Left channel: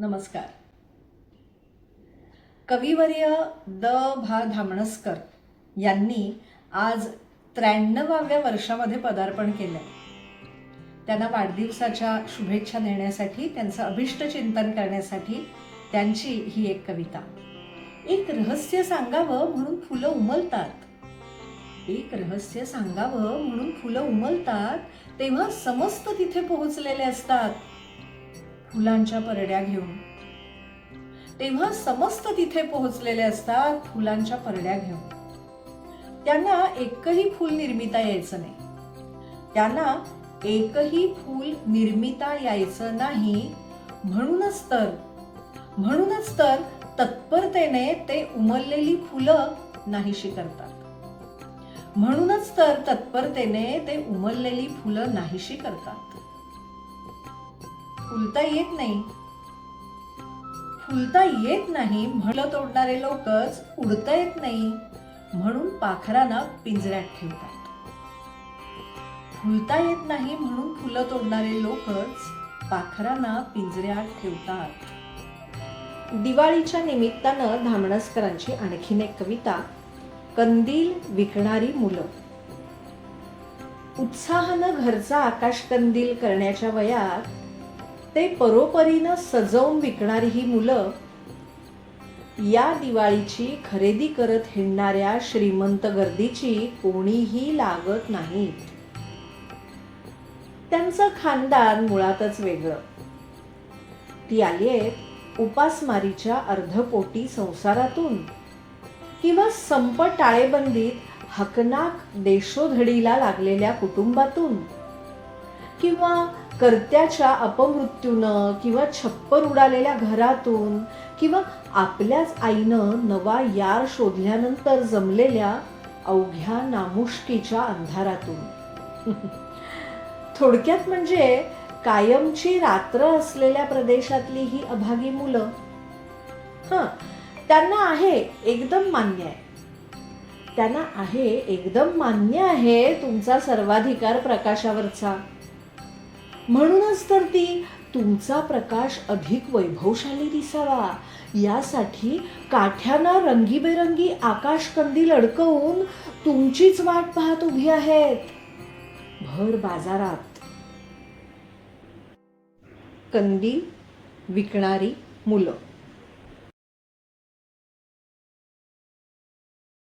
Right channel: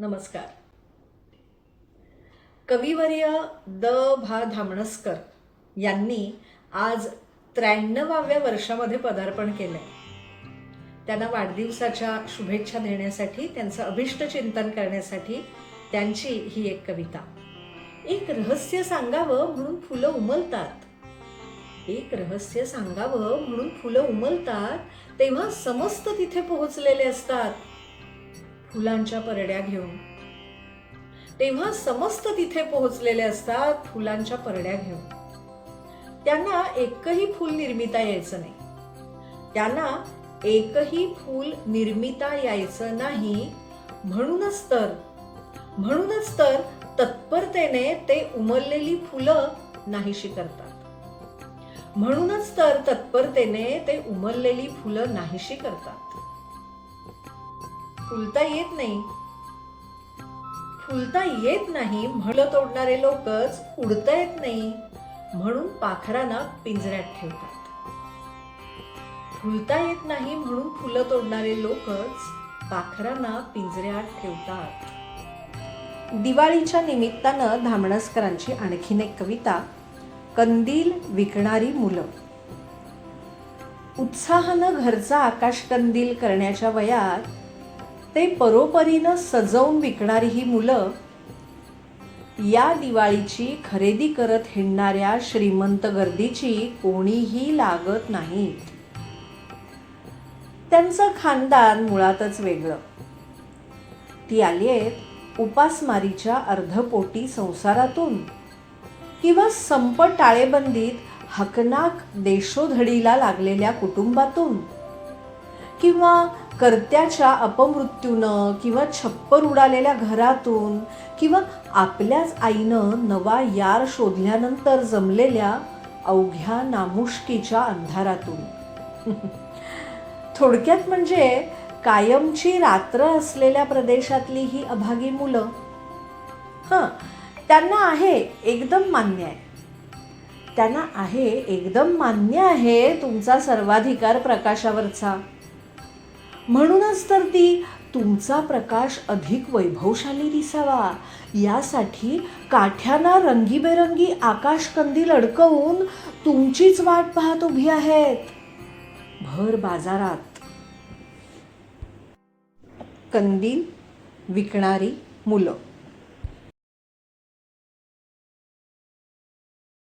नमस्कार. कविवर्य द. भा. धामणसकर यांनी आज त्र्याण्णवाव्या वर्षामध्ये पदार्पण केलं आहे त्यांना वाढदिवसाच्या शुभेच्छा देण्यासाठी त्यांचं अभिष्ट चिंतन करण्यासाठी त्यांची ही एक कविता. एक रहस्य सांगावं म्हणून फुलं उमलतात. एक रहस्य सांगावं म्हणून फुलं उमलतात तेव्हा समस्त तिथे पोहोचलेले असतात. फुलांच्या परड्या घेऊन. तेव्हा समस्त तिथे पोहोचलेले असतात फुलांच्या परड्या घेऊन. त्यांना एकही फूल निर्मिता यायचं नाही. त्यांना एकही फूल निर्मिता यायचं नाही. म्हणूनच तर म्हणूनच तर तत्परतेने ते उमललेली फुलं नाहीशी करतात. म्हणूनच तर तत्परतेने ते उमललेली फुलं नाहीशी करतात. फुलता येत नाही. फुलता येत नाही म्हणलं तोडणारे लोकच उडता येत नाही. म्हणून पाखरांना पिंजऱ्यात ठेवतात. फुलता येत नाही म्हणून फुलं तोडणारे लोकच पाखरांना पिंजऱ्यात ठेवतात. दिवाळीच्या निमित्तानं धामणसकरांची आणखीन एक कविता कंदील विकणारी मुलं. उत्साहानं घरचा आकाशकंदील करण्याच्या वयात ते परोपरीनं सजवून विकणारी ही मुलं या दिवाळीची खरेदी करत हिंडणाऱ्या श्रीमंत गर्दीची कोणीही लागत नाहीत त्यांचं खानदान मुळातच वेगळं. ती आली आहेत उपासमारीच्या अर्धपोटी संसारातून किंवा संप टाळेबंदीत हकनाक देशोधडीला लागलेल्या कुटुंबातून किंवा कर्त्याच्या अपमृत्यूनं किंवा छप्पर उडालेल्या घरातून किंवा आपल्याच आईनं नवा यार शोधल्यानंतर जमलेल्या अवघ्या नामुष्कीच्या अंधारातून. थोडक्यात म्हणजे कायमची रात्र असलेल्या प्रदेशातली ही अभागी मुलं. हां त्यांना आहे एकदम मान्य आहे. त्यांना आहे एकदम मान्य आहे तुमचा सर्वाधिकार प्रकाशावरचा. म्हणूनच तर ती तुमचा प्रकाश अधिक वैभवशाली दिसावा. यासाठी काठ्यांना रंगीबेरंगी आकाश कंदील अडकवून तुमचीच वाट पाहत उभी आहेत. भर बाजारात. कंदील विकणारी मुलं.